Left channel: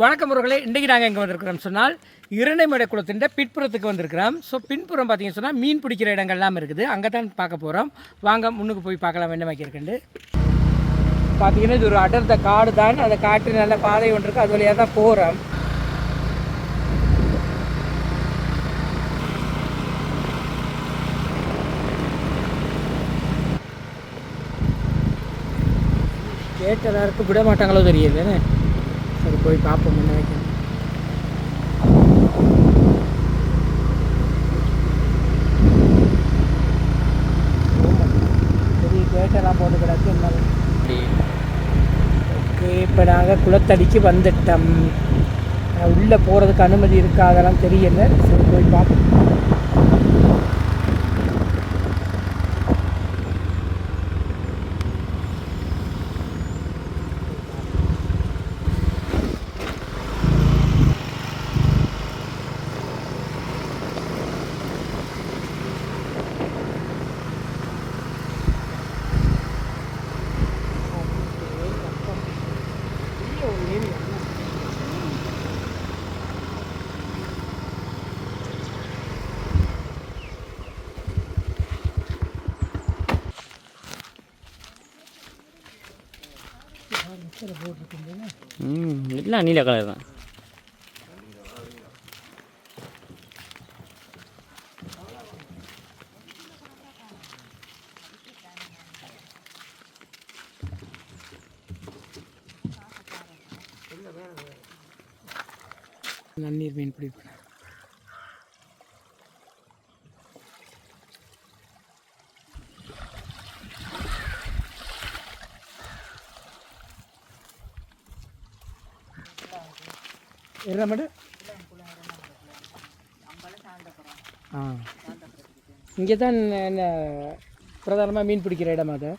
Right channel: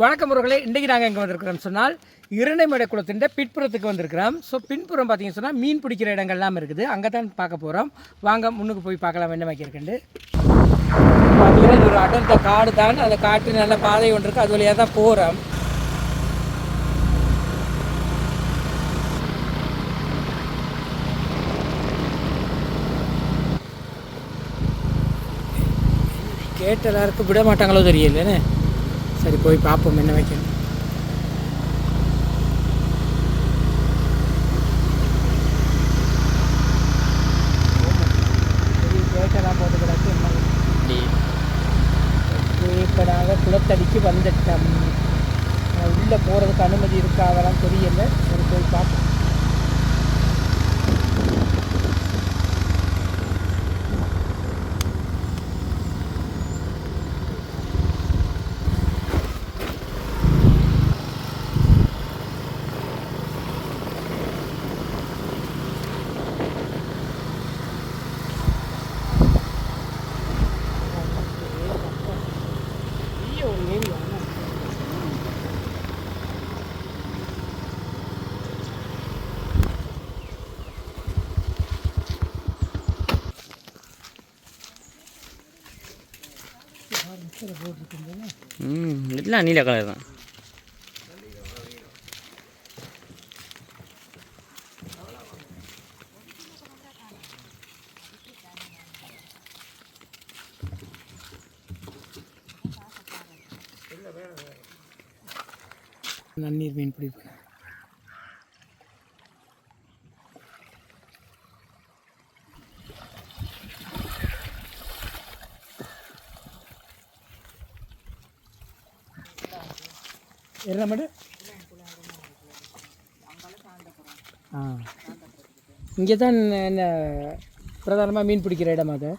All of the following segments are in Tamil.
வணக்கம் உறவுகளே இன்றைக்கி நாங்கள் எங்கே வந்திருக்கிறோம் சொன்னால் இரண்டைமடை குளத்தின் பின்புறத்துக்கு வந்திருக்கிறோம். ஸோ பின்புறம் பார்த்தீங்கன்னு சொன்னால் மீன் பிடிக்கிற இடங்கள்லாம் இருக்குது. அங்கே தான் பார்க்க போகிறோம் வாங்க முன்னுக்கு போய் பார்க்கலாம் என்ன வைக்கிறக்கண்டு பார்த்தீங்கன்னா இது ஒரு அடர்ந்த காடு தான். அந்த காட்டு நல்ல பாதை ஒன்று இருக்குது அது வழியாக தான் போகிறோம் கேட்ட எல்லாருக்கும் விட மாட்டாங்களோ தெரியலன்னு சரி போய் பார்ப்போம் என்ன வைக்கணும். இப்போ நாங்கள் குளத்தடிக்கு வந்துட்டோம். உள்ளே போகிறதுக்கு அனுமதி இருக்கா அதெல்லாம் தெரியல. சரி போய் பார்ப்போம் ம் எல்லாம் நீல கலர் தான். நன்னீர் மீன் பிடிப்பேன் என்ன மேடம் ஆ. இங்கே தான் என்ன பிரதானமாக மீன் பிடிக்கிற இடமா அது?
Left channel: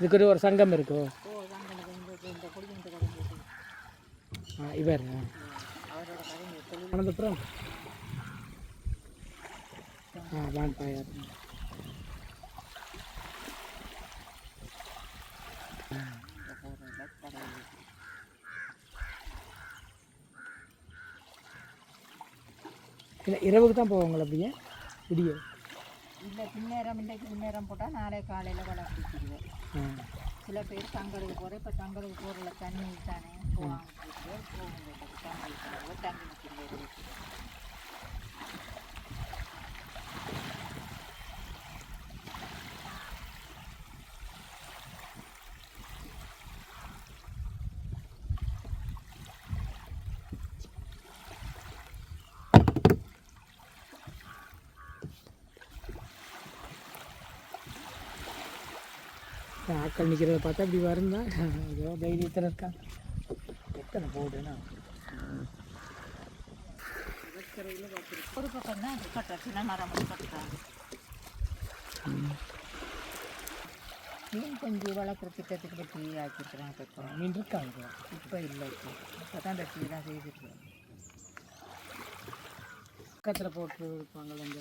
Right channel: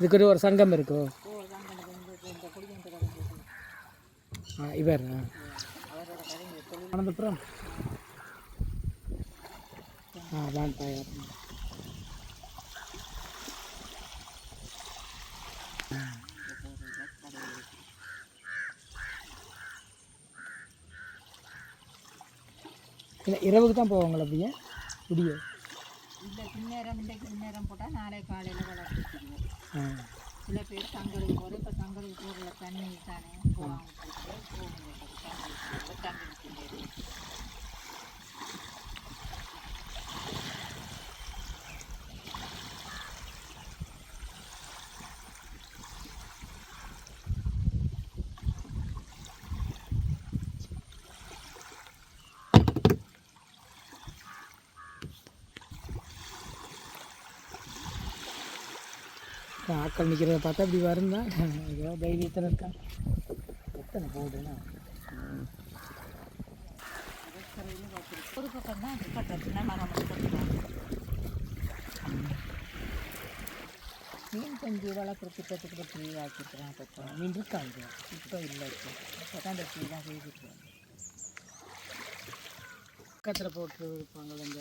இதுக்கு ஒரு- ஒரு சங்கம் இருக்கும் ஆ இவர். அனந்தபுரம் ஆ வாங்க. இல்லை இரவுக்கு தான் போவாங்களா அப்படியே விடிய இல்லை பின்னேரம் இன்றைக்கு பின்னேரம் போட்டால் நாளை காலையில் வளர்த்துருவோம் ஆ. சில பேர் தங்களுக்கு போகிற இப்போ தங்களுக்கு போகிற தண்ணி தானே போவாங்க தங்களுக்கு ஆட்கள் நிற்கிறத பார்த்தா இப்படி வருந்தா ஏதோ தைரியத்தில் இருக்கா எத்தனை போடுன்னா ஒரு பக்கம் தான் கட்டுறது மரம் கட்டுறாங்க. மீன் கொஞ்சம் வளர்க்குற திட்டத்துக்கு பற்றி ஆக்கிட்டுறாங்க இப்போ மீன் இருக்காங்க இப்போ இல்லை இப்போ. இப்போ தான் இந்த டீலாம் செய்திருக்கோம் பக்கத்தில் போட்டு இருப்பாங்கள்ல இந்த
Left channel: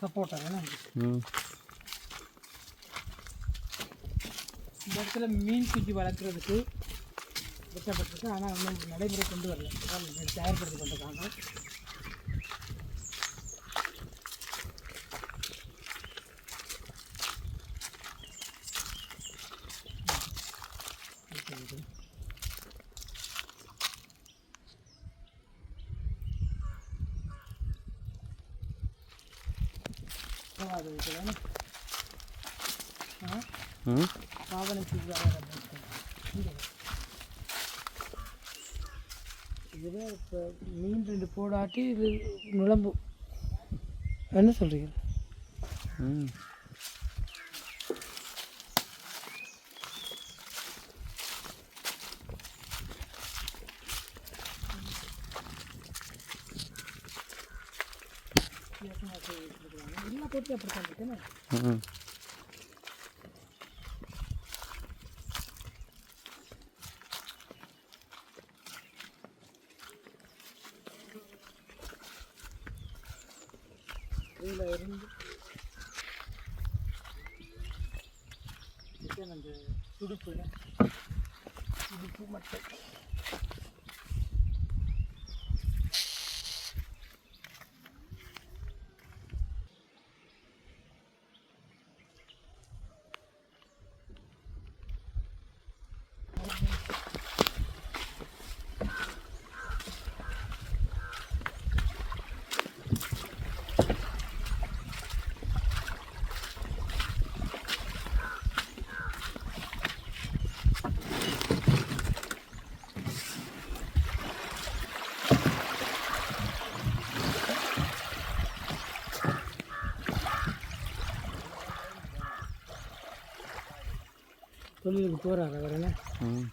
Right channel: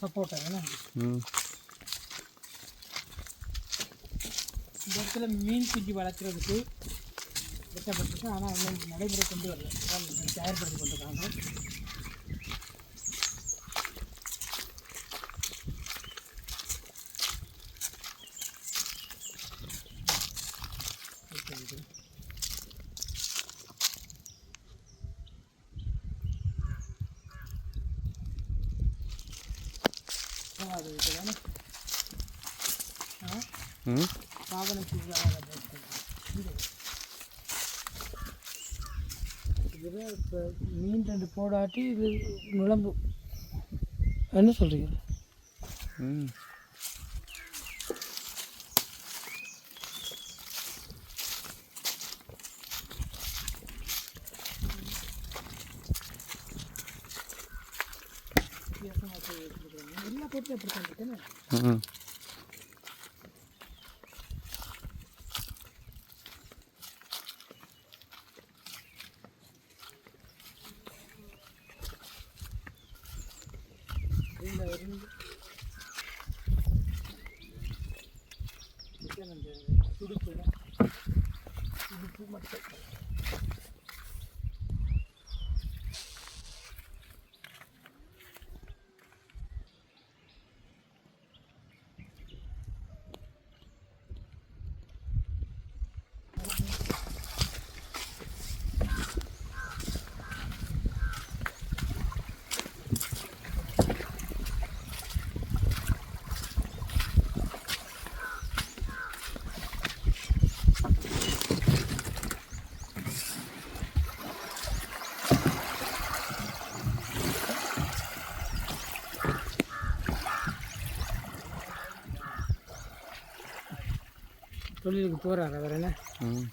சப்போட்டா என்ன ம் இந்த இடத்துல மீன் குஞ்சு வளர்க்குறதுக்கு வெட்டப்பட்டிருக்கு ஆனால் இன்னும் நடைமுறை கொண்டு வரல. தயார்படுத்தி கொண்டிருக்காங்க அது இதுதானே? ஆ? செய்வாங்க இதில் இப்போ மீன் ரெண்டு போடாட்டி இது நுழம்பு. என்ன சொல்கிறீங்க ம். எல்லா போட்டு அப்படி ம். இதில் இருந்து இது அந்த துடுப்பு துடுப்பு மட்டும். தொழிலுக்கு போகிறாங்க அவர் என்ன ம்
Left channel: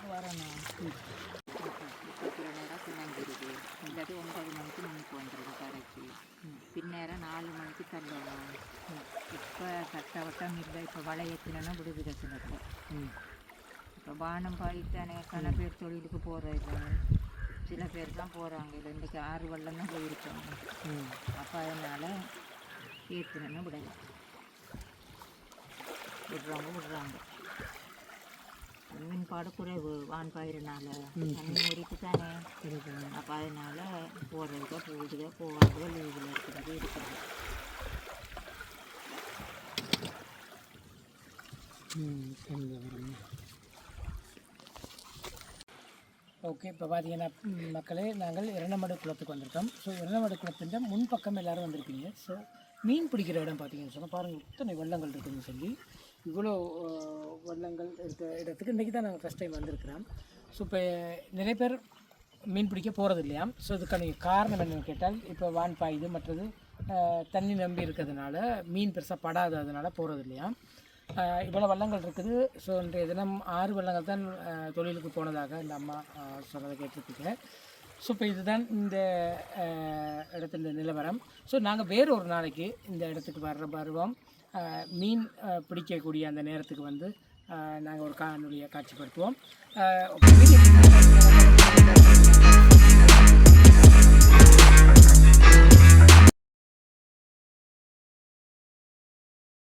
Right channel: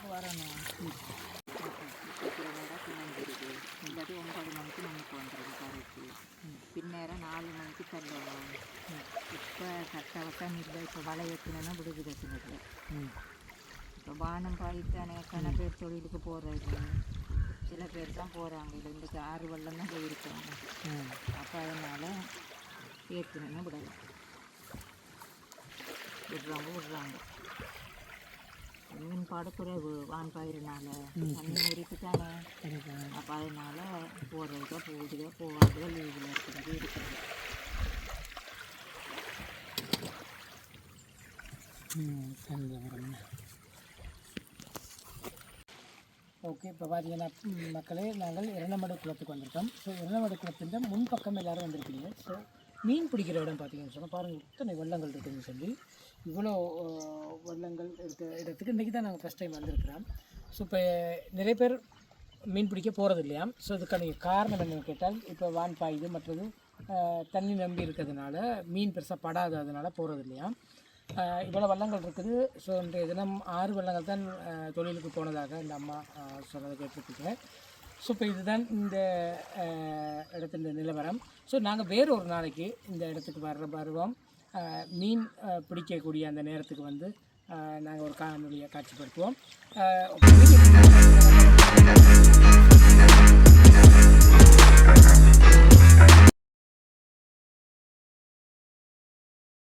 வரணும் பிணைஞ்சிருது இல்லாட்டி ஒன்பது மணிக்கு நமக்கு வந்துடுது கரைக்கு பின்னேரம் நாலு மணிக்கு தள்ளணும் இப்போ கட்ட வட்டம் இல்லை இப்போ வலை ஏற்றினா விடுது சிலத்தில் இப்போ வானம் பாடித்தானே கன பேர் தொழிலுக்கு போகிறது சில பேர் தான் போகிறாங்க இல்லை இன்றைக்கி ஆறு வெள்ளம் தான் போயிருக்காங்க அப்போ அதனால் ஏற்றினா விடலாம் விடுறவங்க விடுறாங்க மீன்பாடு குறைவு வான் பயிரினால தண்ணி ஊறிட்டு தானே. அப்போ அதனால் போடுறதுக்கோ போகுதுக்கோ போகாதோ லீவில் இருக்கிறது இருக்குது ஓகே இப்போ பார்த்தீங்கன்னா மக்களே நாங்கள் இரண்டமடு குளத்துக்கு வந்திருக்கோம். ஸோ இரண்டமடு குளத்தின் முன்பக்கம் எல்லாரும் வந்திருப்பீங்க ஸோ மீன் பிடிக்கிற இடம் பார்த்தீங்கன்னு சொன்னால் பாருங்கள் இத்தனை வெள்ளங்கள் இருக்குதுன்னு சொல்லி. இவ்வளோ வண்ணங்கள் இருக்க இடத்துக்கு இன்றைக்கி தான் நாங்கள் ஃபஸ்ட் டைம் வந்திருக்கிறோம். ஸோ இப்போ நிறைய பேர் மீன் பிடிக்க போகிறது இல்லையா? ஸோ இதுக்கான காரணம் என்னென்னு கேட்டால் இப்போ வான் பாயுது மற்றது தண்ணி நம்பி இருக்கிறதுனால மீன் பெருசாக படாததுனால போகிறது இல்லையா? இவ்வளோ வள்ளங்கள் இருக்குது. ஸோ இன்றைய தினம் ஆறு வள்ளங்கள் தான் தொழிலுக்கு போனதாக இந்த அம்மா சொன்னதை கேட்டிருப்பீங்க ஸோ இப்போ இதுதான் இந்த ஆஹ் இடத்துல நிலவரம். ஸோ நாங்கள் வேறு ஒரு நாளைக்கு இந்த இடத்துக்கு வர்ற வருவோம். மீன் பிடிக்கக்கூடிய அந்த நேரத்துக்கு வந்து நாங்கள் ஒரு காணொலியை காட்சிப்படுத்துவோம்.